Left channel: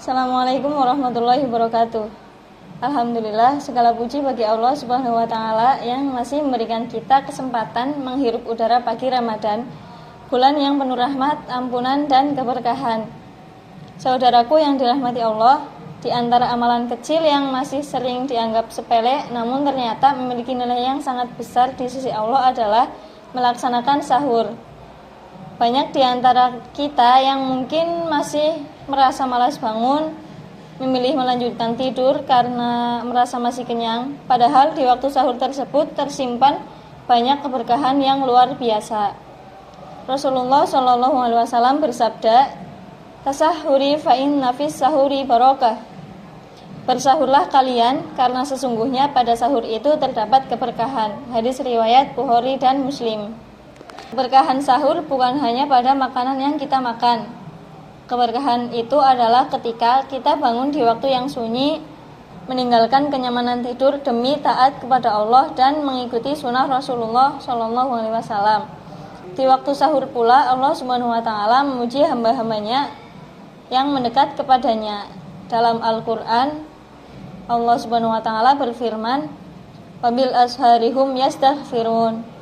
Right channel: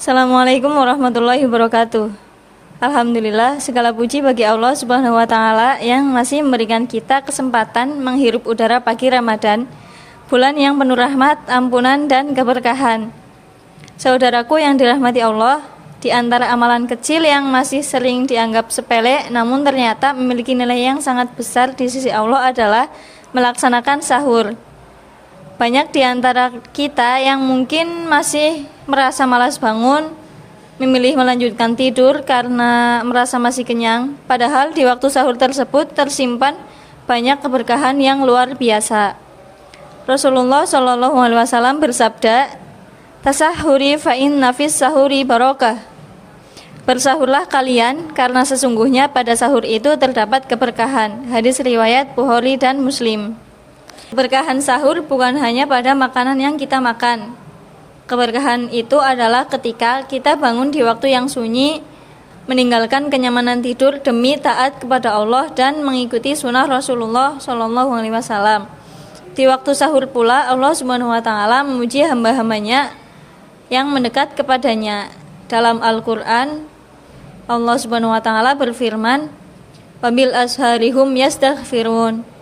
Assalamualaikum warahmatullahi wabarakatuh. Alhamdulillah, segala puji bagi Allah Subhanahu wa taala yang masih memberikan kita kesempatan menghirup udara pagi Ramadan, bulan yang penuh rahmat, ampunan dan keberkahan. Saudaraku yang dirahmati Allah, di antara amalan kecil yang masih sering dianggap sepele namun ternyata memiliki nilai yang sangat besar di sisi Allah adalah melaksanakan sahur. Banyak di antara kita yang mungkin masih merasa malas bangun, memilih melanjutkan tidur karena merasa masih kenyang, padahal di waktu sahur tersebut tersimpan banyak keberkahan yang luar biasa. Rasulullah Shallallahu Alaihi Wasallam bersabda, "Tasahuri fa inna fis sahuri barokah." Bersahurlah kalian karena sesungguhnya pada sahur itu terdapat keberkahan. Hadis riwayat Bukhari dan Muslim. Keberkahan sahur bukan hanya pada makanan yang kita makan. Keberkahan itu adalah ketika kita bangun di waktu yang sunyi, meninggalkan kenyamanan tidur demi taat kepada Allah dan mengikuti sunnah Rasulullah Shallallahu Alaihi Wasallam. Di waktu sahur pula Allah Subhanahu Wa Taala memuji hamba-hambanya yang mendekat kepadanya. Dalam Al-Quran, Allah Subhanahu Wa Taala berfirman, "Wabil asharihum yastaghfirun."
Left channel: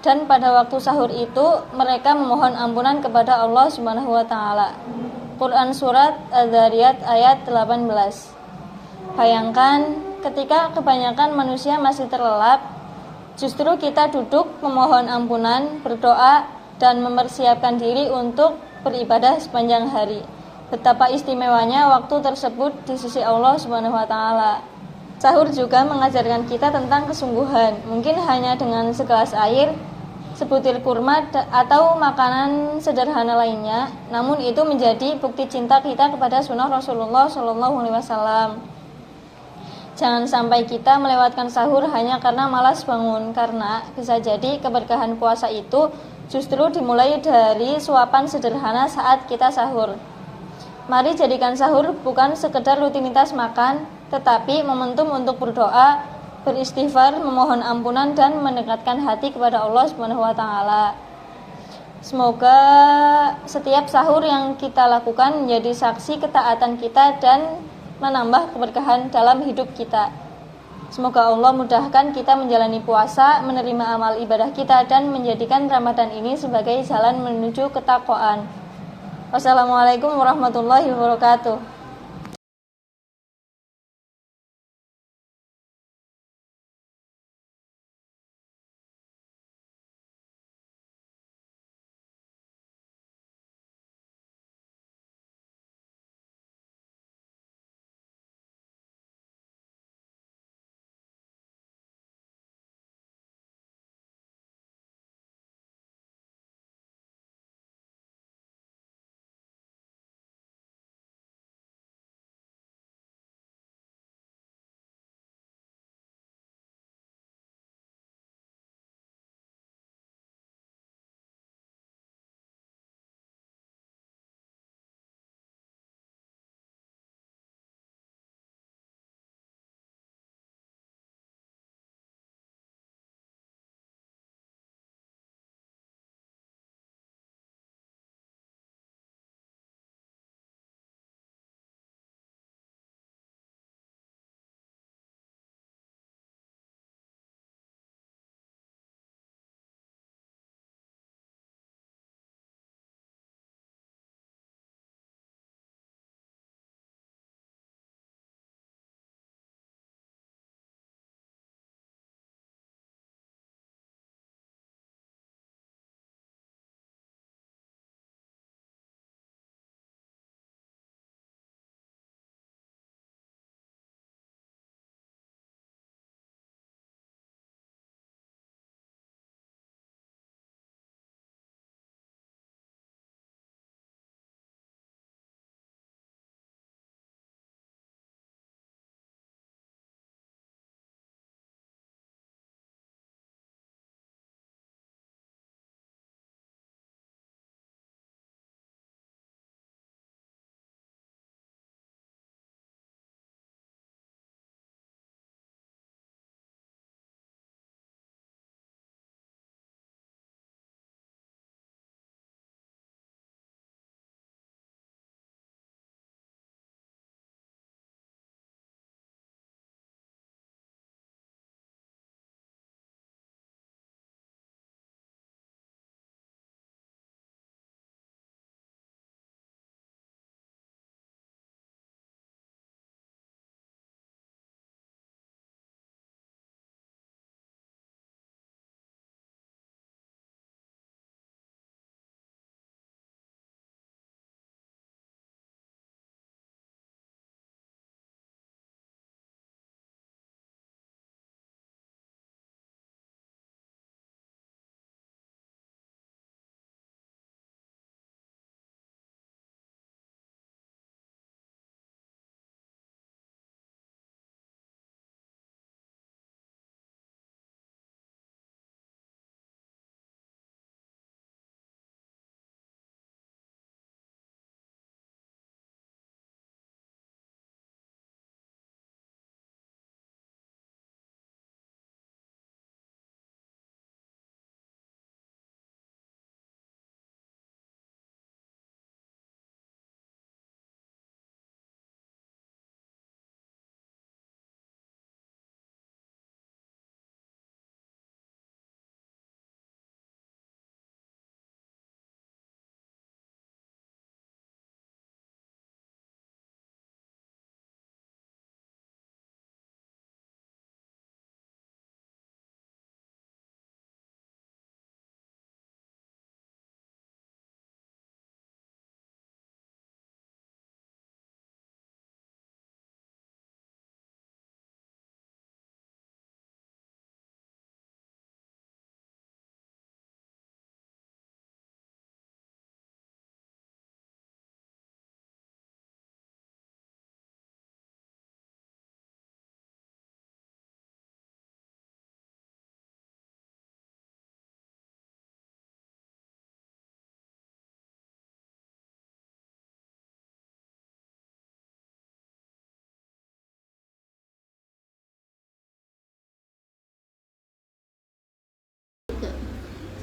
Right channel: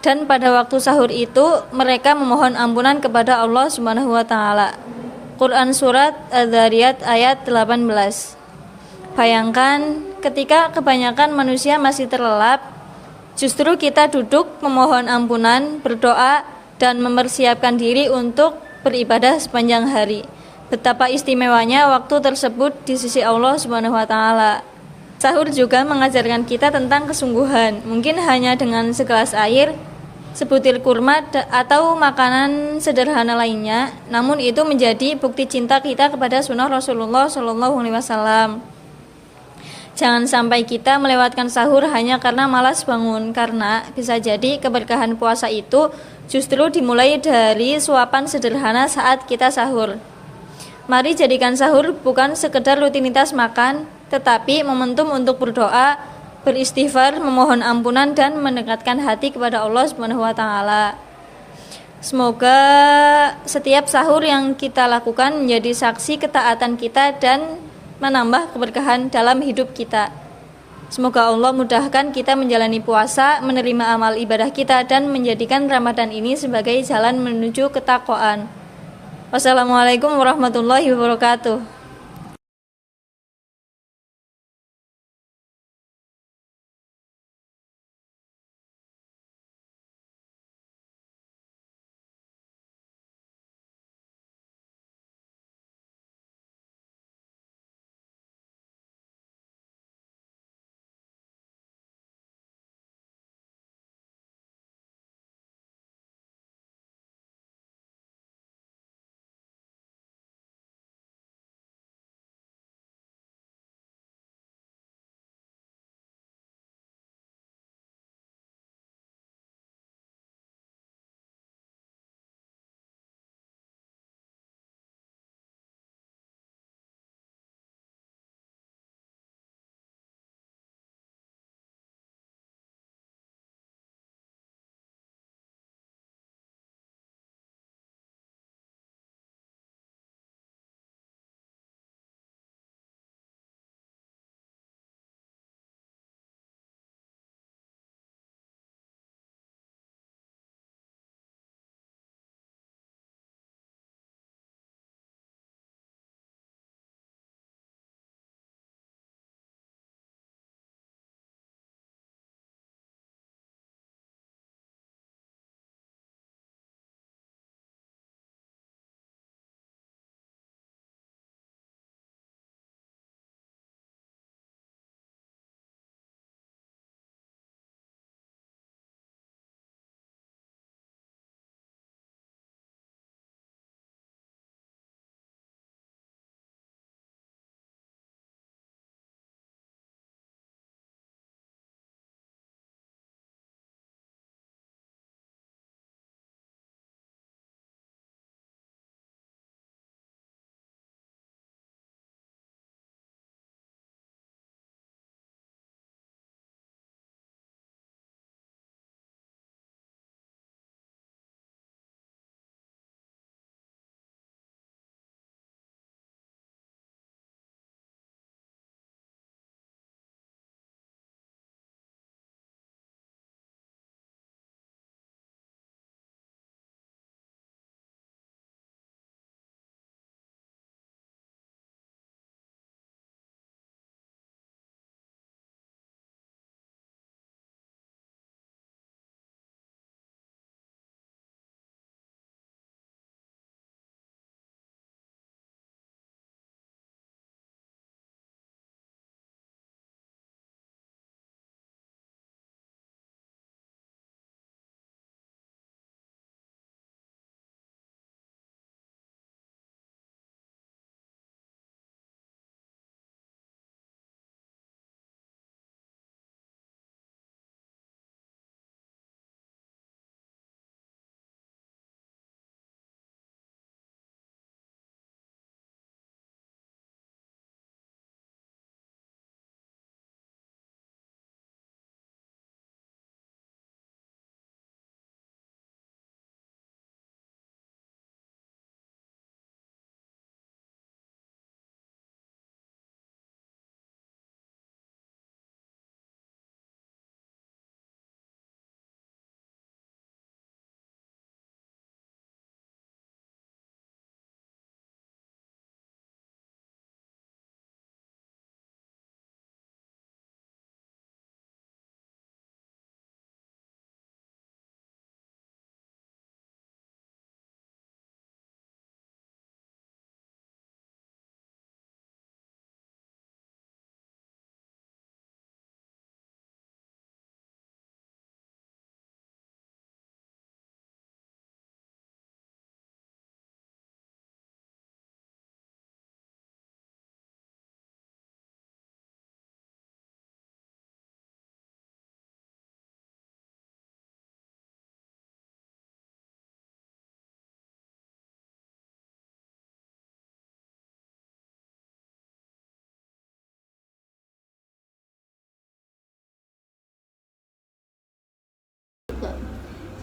Dan pada waktu sahur itu mereka memohon ampunan kepada Allah Subhanahu wa taala. Quran surat Adz-Dzariyat ayat 18. Bayangkan ketika kebanyakan manusia masih terlelap, justru kita duduk memohon ampunan, berdoa dan mempersiapkan diri untuk beribadah sepanjang hari. Betapa istimewanya waktu tersebut di sisi Allah Subhanahu wa taala. Sahur juga mengajarkan kita tentang kesungguhan. Mungkin hanya dengan segelas air, sebutir kurma atau makanan sederhana lainnya, namun itu menjadi bukti cinta kita kepada sunnah Rasulullah Shallallahu Alaihi Wasallam. Jangan sampai kita melewatkan sahur hanya karena malas bangun, karena bisa jadi keberkahan puasa itu justru dimulai dari suapan sederhana saat kita sahur. Mari jadikan sahur bukan sekedar rutinitas makan, tetapi momentum untuk berdoa, beristighfar, memohon ampunan dan mendekatkan hati kepada Allah Subhanahu wa taala. Semoga setiap sahur yang kita lakukan menjadi saksi ketaatan kita dan menambah keberkahan dalam hidup kita. Semoga Allah mudahkan kita menjalani puasa, menerima amal ibadah kita dan menjadikan Ramadan ini sebagai jalan menuju ketakwaan. Wassalamualaikum warahmatullahi wabarakatuh.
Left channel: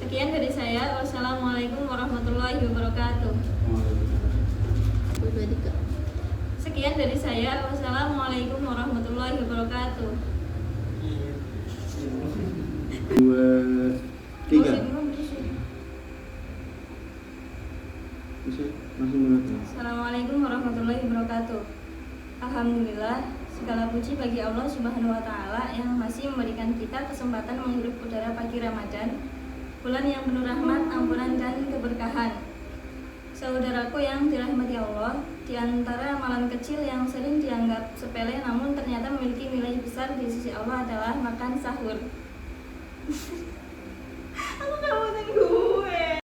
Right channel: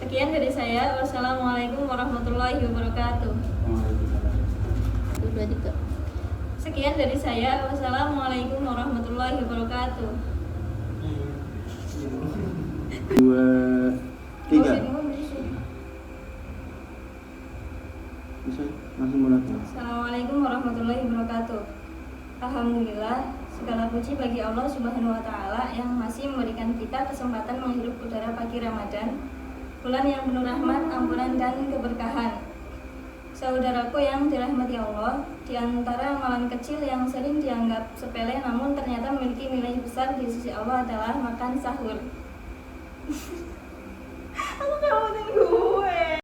Sekian dari saya. Wassalamualaikum warahmatullahi wabarakatuh. Sekian dari saya. Wassalamualaikum warahmatullahi wabarakatuh. 2, 3. Langsung mulai. Assalamualaikum warahmatullahi wabarakatuh. Alhamdulillah, segala puji bagi Allah Subhanahu wa Ta'ala yang masih memberikan kita kesempatan menghirup udara pagi Ramadan, bulan yang penuh rahmat, ampunan, dan keberkahan. Saudaraku yang dirahmati Allah, di antara amalan kecil yang sering dianggap sepele namun ternyata memiliki nilai besar di sisi Allah adalah makan sahur.